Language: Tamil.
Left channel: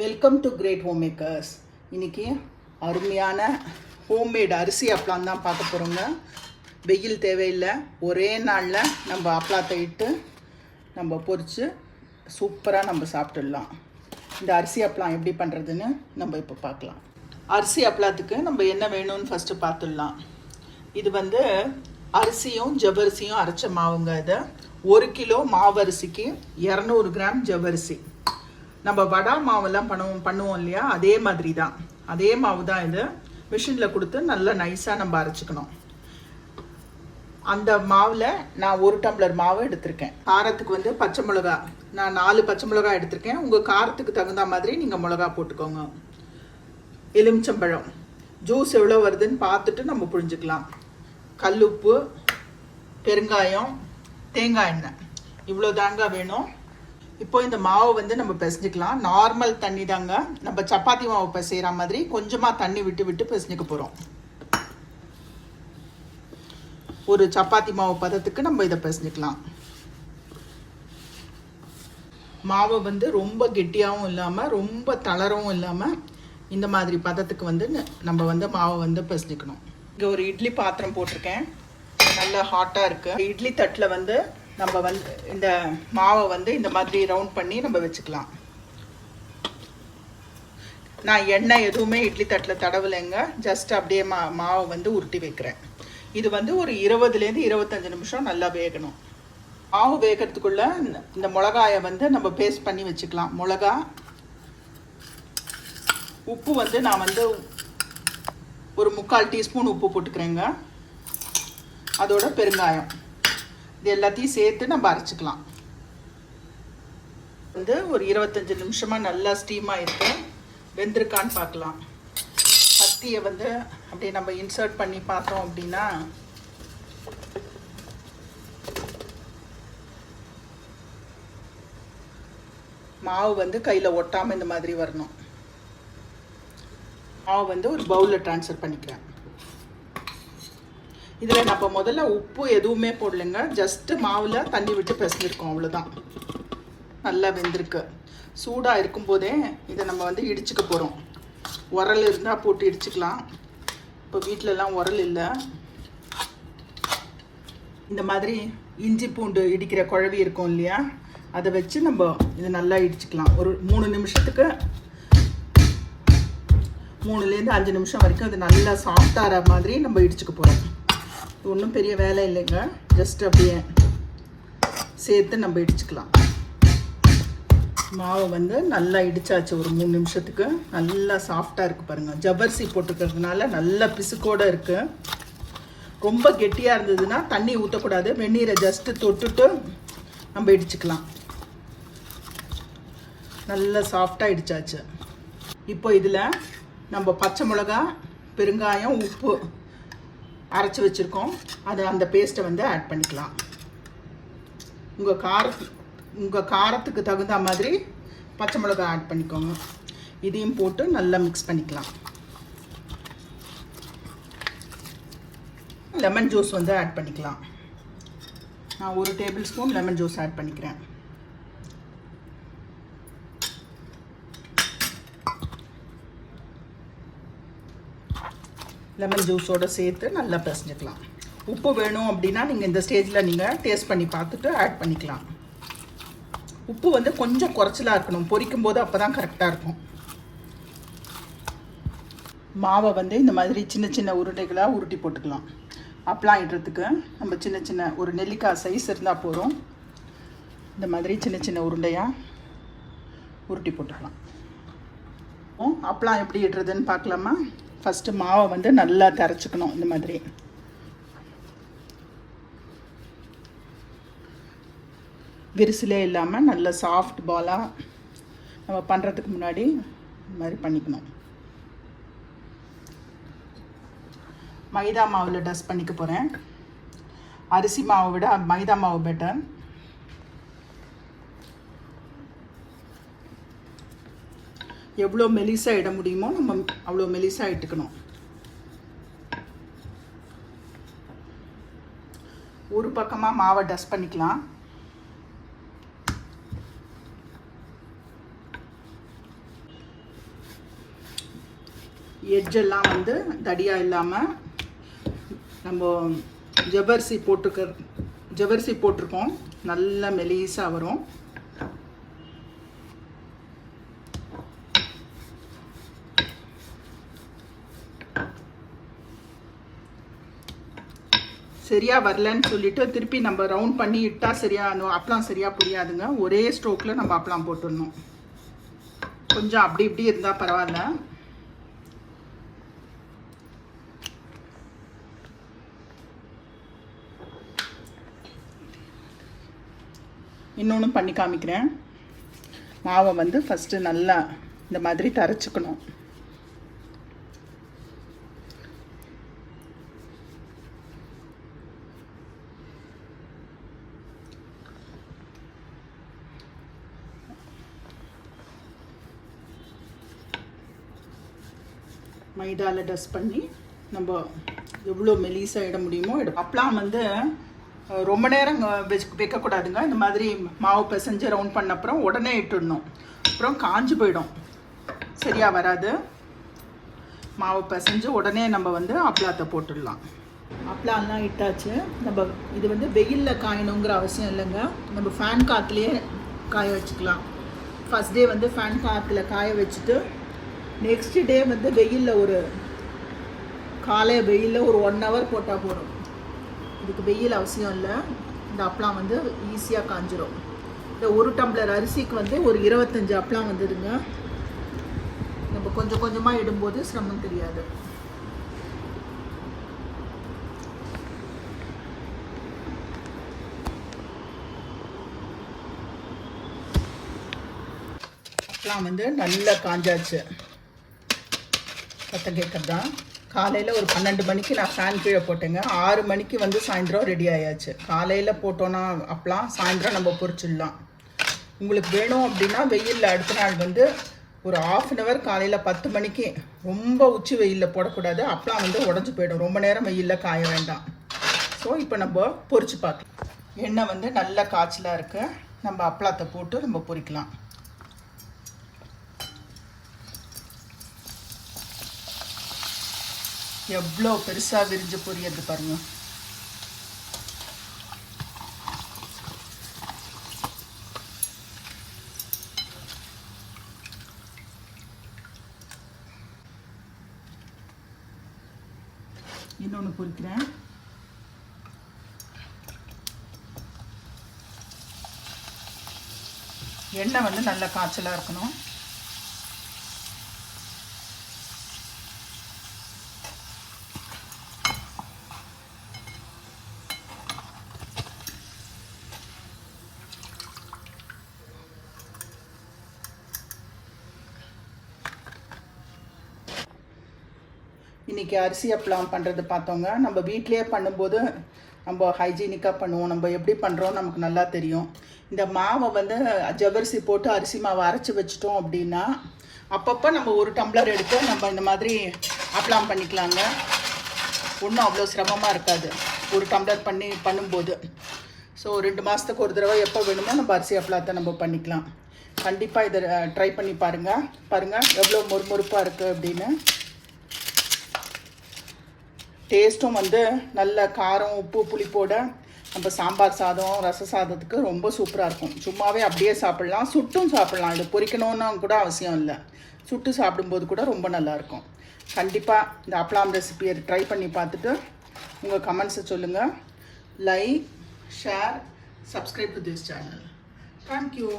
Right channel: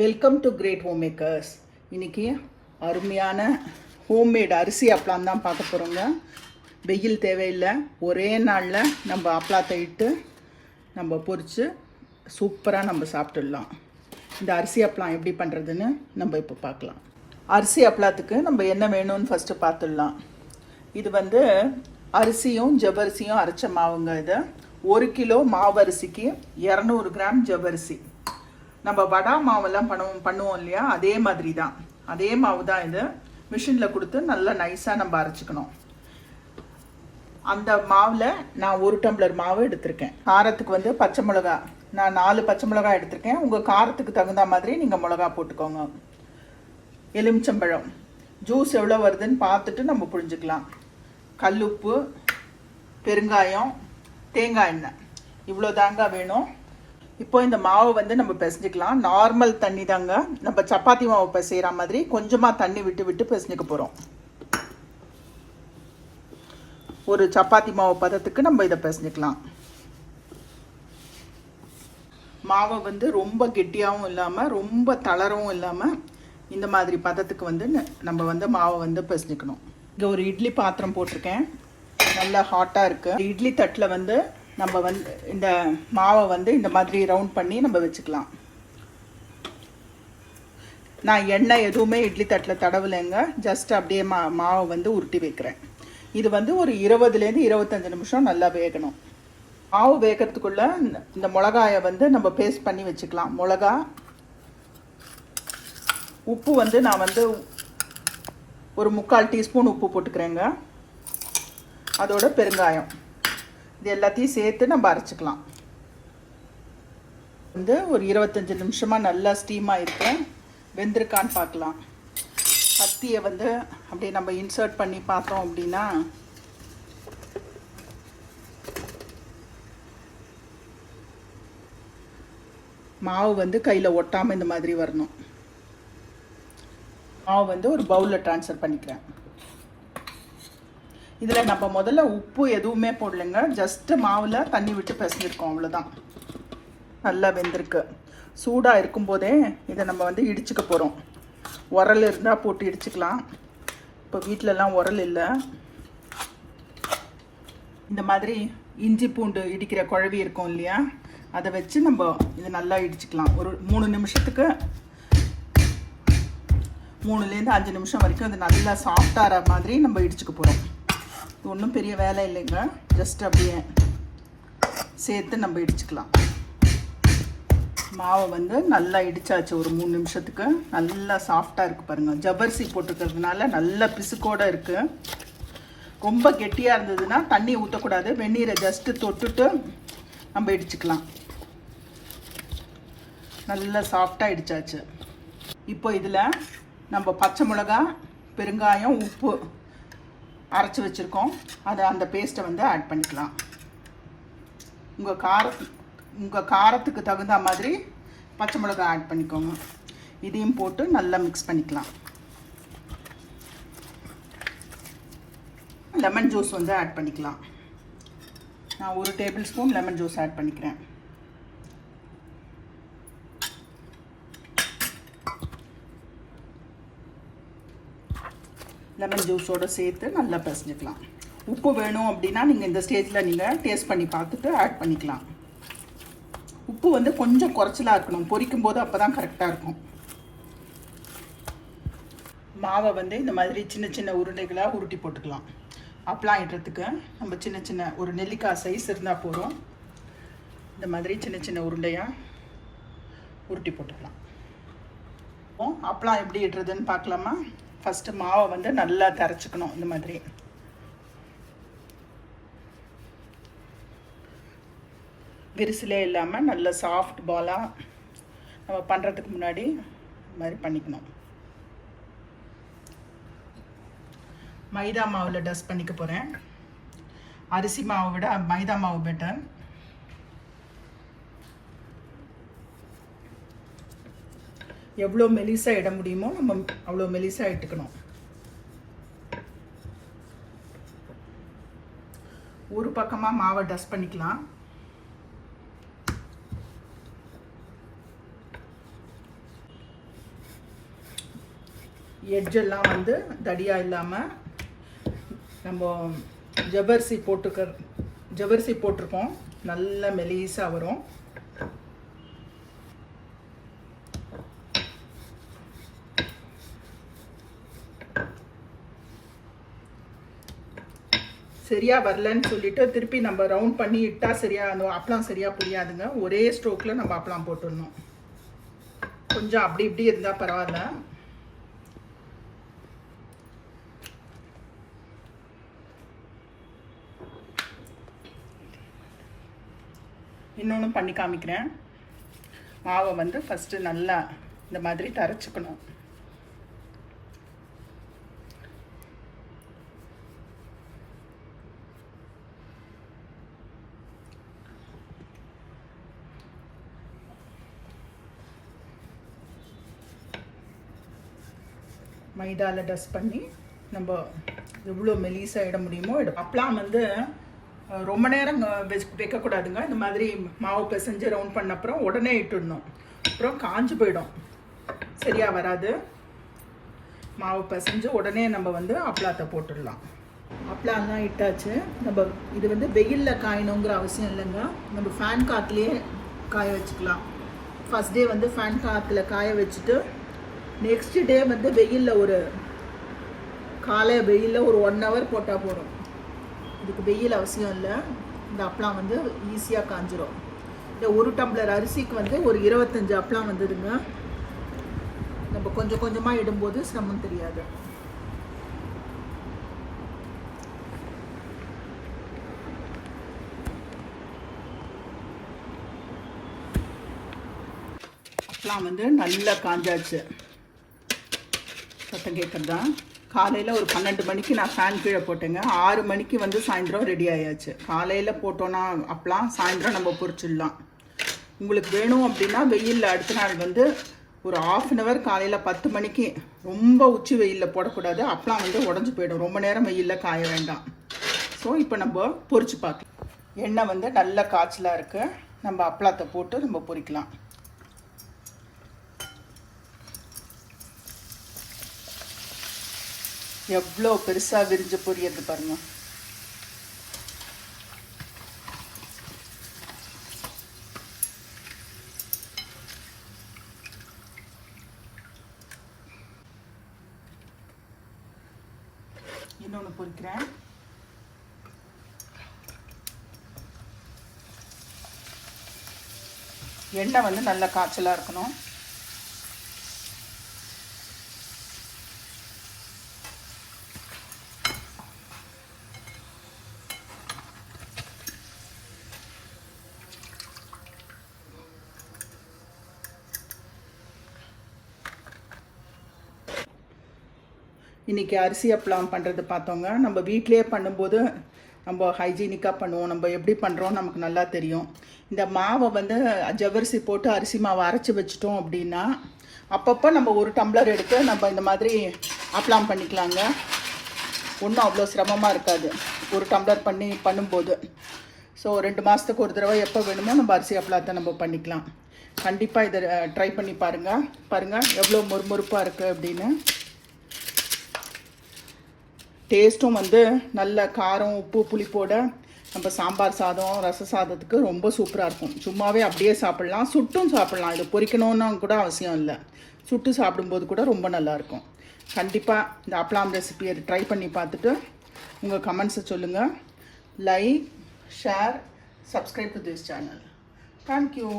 Welcome to great home makers இன்னைக்கு அருமையான ஹோம்மேட் அரிசி அப்பளம் தான் பார்க்க போகிறோங்க வெயில் தேவையில்லை. ஒரே நாளில் நம்ம அப்பளாத்தை இட்டு நம்ம பொறிச்சு சூப்பராக நம்ம சாப்பிட்டுடலாம். இந்த அரிசி அப்பளம் எப்படி பண்ணுறதுன்னு நம்ம இப்போ பார்க்கலாம். அரிசி அப்பளத்துக்கு நம்ம என்ன வேணும்னு ஃபஸ்ட்டு பார்த்துடலாம். இது வந்து அரிசியும் ஜவ்வரிசியும் அரைச்ச மாவுங்க இது. ஒரு கிலோ மாவரிசிக்கு இரநூறு கிராம் ஜவ்வரிசி. நம்ம வடா மாவெல்லாம் பண்ணுவோம் பண்ணுவோம் இல்லையா? அதே மாதிரி தான் அதே மாவு தான் இது மிஷினில் கொடுத்து நல்லா நைஸாக நம்ம அரைச்சிக்கணும். அந்த மாவில் நான் ஒரு டம்ளர் மாவு எடுத்திருக்கேன். காரத்துக்கு வந்து பச்சை மிளகா. நான் நாலு பச்சை மிளகா எடுத்திருக்கேன். உங்கள் காரத்துக்கு தகுந்த மாதிரி நீங்கள் மிளகா போட்டுக்கோங்க. எலுமிச்சம்பழம். ஜூஸ் எவ்வளோ வருதுன்னு பார்த்துட்டு நம்ம புரிஞ்சுக்கலாம். கல்லுப்பு பெருங்காயம் தேங்காய் எண்ணெய். இவ்வளோ தாங்க வேணும். இப்போ இந்த மாவை வந்து நம்ம பிசைஞ்சிக்கலாம். நார்மல் தண்ணி தாங்க. நம்ம சப்பாத்தி மாவு பிசைகிற மாதிரி கொஞ்சமாக தண்ணி விட்டு விட்டு பிசைஞ்சிக்க போகிறோம் ஒரு சப்பாத்தி மாவு பதத்துக்கு நம்ம இதை பிசைஞ்சிக்கலாம். மாவை வந்து ரொம்ப கெட்டியாகவும் இல்லாமல் ரொம்ப தளரவும் இல்லாமல் இந்த மாதிரி பதத்துக்கு வந்து நம்ம வந்து மாவை வந்து பிசைஞ்சிக்கணும். இங்கே ஒரு இட்லி பாத்திரம் போட்டிருக்கேன். நல்லா ஹாட்டாக இருக்குது இட்லி தட்டில் வந்து நம்ம வந்து இந்த மாவை வந்து இந்த மாதிரி ரவுண்ட் பண்ணி நம்ம வச்சுக்கலாம். நான் எண்ணெய் எதுவுமே இட்லி தட்டில் தடவலைங்க. ஜஸ்ட் அப்படியே மா மாவை வந்து உருட்டி வைக்கிறேன். இது வந்து ஒரு இருபதுலேருந்து இருபத்தஞ்சு நிமிஷம் நல்லா வேகணும். மாவு வேகிறதுக்குள்ள இந்த- இந்த மிளகாயை வந்து நம்ம பேஸ்ட் பண்ணி வச்சுக்கலாம். மிளகா உப்பு வந்து நான் வந்து ஒரு முக்கால் டீஸ்பூன் உப்பு போட்டுக்கிறேங்க. அதோட பெருங்காயம். இது எல்லாத்தையும் சேர்த்து நம்ம அரைச்சிக்கலாம். வந்து ஒரு இருபத்தஞ்சு நிமிஷமாக நல்லா ஸ்டீம் ஆகிருக்கு வெந்திருக்கான்னு பார்க்கலாம். பத்தியை வந்து அப்படியே நம்ம இன்சர்ட் பண்ணி பார்த்தோம் அப்படின்னா மாவு வந்து கையில் ஒட்டாமல் இந்த மாதிரி வரணும். மாவு வந்து ஒரு பவுலில் ட்ரான்ஸ்ஃபர் பண்ணிக்கிறேன். இதில் நம்ம முதல்ல உப்பு எதுவுமே போடலைங்க. ஜஸ்ட்டு மாவில் தண்ணி விட்டு பிசைஞ்சிருக்கோம் அவ்வளோதான் நல்லா வெந்திருக்கு. சூடாக இருக்கும்போதே இதை நம்ம வந்து இடிச்சுக்க போகிறோம் உரல் இருந்தால் போட்டு இடிச்சுக்கலாம். இப்போ வீட்டிலலாம் உரல் இல்லை. இந்த மாதிரி இஞ்சி பூண்டு இடிக்கிற குழவி இருக்கும் இல்லையா? அதை வச்சு நம்ம இதை நல்லா இடிச்சுக்கலாம். ஒரு மூணு நிமிஷத்துக்கு மூணுலேருந்து அஞ்சு நிமிஷம் வரைக்கும் இது நல்லா சாஃப்டாகிற மாதிரி நம்ம இடிச்சுக்க போகிறோம் ஒன்றும் பெரிய வேலை இல்லைங்க. ஜஸ்ட் அப்படியே சேர்த்து நம்ம இடிச்சுக்கலாம். மாவு வந்து நல்லா இடிச்சாச்சு ஒரு மூணு நிமிஷத்துக்கு. நல்லா சாஃப்டாக இருக்குது பாருங்கள் ஜவ்வரிசி போட்டுக்கிறதுனால நல்லா பிசுக்கோடு இருக்குது ரொம்ப கெட்டியாக இருந்ததுன்னா தண்ணி ஊற்றக்கூடாது வெந்நீரை ஜஸ்ட்டு தொட்டுட்டு நம்ம இடிச்சுக்கலாம். நல்லா சாஃப்டாக இடிச்சாச்சு. இப்போ இதில் நம்ம பச்சை மிளகா பெருங்காயம் உப்பு அரைச்சி வச்சுருக்கோம். அதை அந்த பேஸ்ட்டை வந்து ஆட் பண்ணிக்கலாம். உங்கள் காரத்து உங்கள் காரத்துக்கு தகுந்த மாதிரி பச்சை மிளகா ஆட் பண்ணிக்கோங்க. இதையும் போட்டு நல்லா மிக்ஸ் பண்ணிக்கலாம். லெமன் ஜூஸ் வந்து ஆட் பண்ணிக்கலாம். நான் ஒரு table spoon lemon juice add பண்ணிக்கிறேன். லெமன் ஜூஸோடு சேர்த்து நல்லா பிசைஞ்சிக்கலாம். உப்பு வேணும் அப்படின்னா நீங்கள் இந்த ஸ்டேஜில் நீங்கள் டேஸ்ட் பண்ணி பார்த்துட்டு ஆட் பண்ணிக்கலாம். உப்பு வந்து கொஞ்சம் குறைச்சலாக இருக்கணும். பொரிக்கும் போது அப்போ தான் கரெக்டாக இருக்கும். மாவை வந்து இந்த மாதிரி சின்ன சின்ன உருண்டைகளாக உருட்டி போட்டுக்கலாம். அப்பளம் இடுறதுக்கு நம்ம சின்ன சின்ன ஒரு நெல்லிக்காய் சைஸ் இருந்தால் போதும். இந்த மாதிரி சின்ன சின்ன உருண்டையாக உருட்டி போட்டுக்கலாம். இப்போ அப்பளம் எப்படி இடுறதுன்னு பார்க்கலாமா? ஃபஸ்ட்டு மாவை வந்து நல்லா கரைச்சிக்கணும் இந்த மாதிரி. விரிசிலே இல்லாமல் நல்ல சாஃப்ட் பாலாக நம்ம பண்ணுறதுக்கு முன்னாடி இந்த மாதிரி பண்ணிக்கணும். மைதா மாவில் டஸ்ட் பண்ணிக்க போகிறேன் அரிசி மாவை விட மைதா மாவு பெட்டர் எவ்வளோ மெலிசாக இட முடியுமோ நம்ம அவ்வளோ மெலிசாக இட்டுக்கணும். ஒரு பக்கமாக மாவை டஸ்ட் பண்ணிக்கலாம். எட்ஜெல்லாம் வந்து தடியாக இல்லாமல் நம்ம ஜவ்வரிசி போட்டுக்க ஜவ்வரிசி போட்டிருக்கோம். நல்ல மெலிசாக வரும். சரியா வரலன்னு சொல்லிட்டு திருப்பி நம்ம ரவுண்ட் பண்ணி இட்டா சரியா அந்த அப்பளம் சரியா புரியாதுங்க. ஒரே ஸ்ட்ரோக்கில் நம்ம அப்பளம் போட்டுடணும். கொஞ்சம் அப்படி இப்படி இருந்தால் பரவாயில்ல. இன்னொன்று பண்ணி காமிக்கிறேன். மாவை வந்து ஃபஸ்ட்டு நல்லா இந்த மாதிரி தரைச்சிக்கணும். மைதாவில் டஸ்ட் பண்ணி நம்ம எவ்வளோ மெலிசாக இட முடியுமோ இடம் அப்பெல்லாம் வந்து ரொம்ப நேரம் வெச் வைக்கக்கூடாதுங்க. இந்த மாதிரி மாவு பிசைஞ்சு ரவுண்ட் பண்ண அப்புறம் உடனே இட்டுடணும். அப்புறம் காஞ்சு போயிடும். சரியாக வராது. மாவு பிசைஞ்சு உடனே நம்ம வந்து அப்பளாத்தை போட்டுடலாம். அப்பளாலாம் இட்டாச்சு. நம்ம இது வந்து வெயிலில் காயணுங்கிற அவசியம் இல்லைங்க. நம்ம ஃபேன் காற்றுலேயே காய வச்சுக்கலாம். ஃபஸ்ட் டே வந்து ஃபேன் காற்றுல காய வச்சுட்டு நெக்ஸ்ட் டே வந்து வெயிலில் ஒரு காலை வெயிலில் ஒரு ஒன் ஹவர் போட்டால் போதும். இதுக்கு வெயில் அவசியம் இல்லை. இந்த அப்பளம் வந்து ஈஸியாக காஞ்சிரும். இந்த ஒரு டம்ளர் அரிசிக்கு வந்து ஒரு இருபத்தஞ்சு அப்பளம் வந்துடுங்க நம்ம கொஞ்சம் கொஞ்சமாக இடும்போது சிரமம் தெரியாது. அப்பளம் வந்து நல்லா காஞ்சாச்சு. சத்தம் கேட்குறதா காலையில் ஒரு பன்னெண்டு மணிக்கு நான் ஃபேன் கீழே போட்டேங்க. ஆறு மணிக்கு வந்து சாயந்தரம் ரெடி ஆயாச்சு. காலையில் போட்டோன்னா அப்பலாம் சாயந்தரம் நம்ம பொறிச்சிடலாம் உங்களுக்கு வேணும் அப்படின்னா வெயிலில் அடுத்த நாள் வந்து ஒரு ஆஃப் அன் ஹவர் காலையில் பத்து மணிக்கு ரொம்ப உச்சி வெயிலில் போடக்கூடாது. அப்பலாம் வந்து உடஞ்சி போயிடும். ரொம்ப நேரம் வெயிலில் காய வேண்டாம். ஸோ இப்போ நம்ம பொறிச்சு பார்க்கலாம். எண்ணெய் வந்து நல்ல காய்ச்சலாக இருக்குது நம்ம அப்பளத்தை போட்டு நம்ம பொறிக்கலாம் எவ்வளோ பெருசா விரிஞ்சு பொரியது பாருங்க. இன்னொன்று பொறிக்கிறேன் எண்ணெய் வந்து நல்ல காய்ச்சலாக இருக்கணும். இன்றைக்கி அரிசி அப்பளம் பண்ணுறது பார்த்தோங்க. நம்ம வீட்டிலே பண்ணும்போது நம்ம ஹைஜீனிக்காக பண்ணுவோம். நம்ம எப்படி பண்ணுறோம் நமக்கு நல்லா தெரியும். இந்த மாவை வந்து ஜவரிசி போட்டு அரிசி மாவை அரைச்சி வச்சிட்டோம் அப்படின்னா அப்பப்போ நம்ம ஒரு டம்ளர் எடுத்து நம்ம இந்த மாதிரி அப்பளம் பண்ணிக்கலாங்க. ஒன்றும் அவ்வளோ சிரமமாக இருக்காது. ஒரு டம்ளர் பண்ணி பண்ணும்போது. ஸோ ரெண்டு மாதத்துக்கு ஒரு தடவை எப்போ வேணுமோ நம்ம அரிசி அப்பளத்தை நம்ம பண்ணிக்கலாம். கண்டிப்பாக இதை ட்ரை பண்ணி பாருங்கள் பாருங்கள் எவ்வளோ மொறுமொறுப்பாக இருக்குது அப்படின்னு. டேஸ்ட்டும் வந்து நல்ல காரம் உப்பு புளிப்போட நம்ம சாம்பார் சாதம் ரச சாதத்துக்கு ரொம்ப சூப்பராக இருக்கும். சும்மாவே அப்படியே சாப்பிட்லாம். சுட்டும் சாப்பிட்லாம். இது பொரிக்கணும்னு கூட அவசியம் இல்லை. சுட்டு சாப்பிடும்போது கூட ரொம்ப நல்லாயிருக்கும் கண்டிப்பாக இந்த அப்பளாம் ரெசிபியை ட்ரை பண்ணி பார்த்துட்டு உங்கள் கமெண்ட்ஸை சொல்லுங்கள் like share subscribe to this channel thank you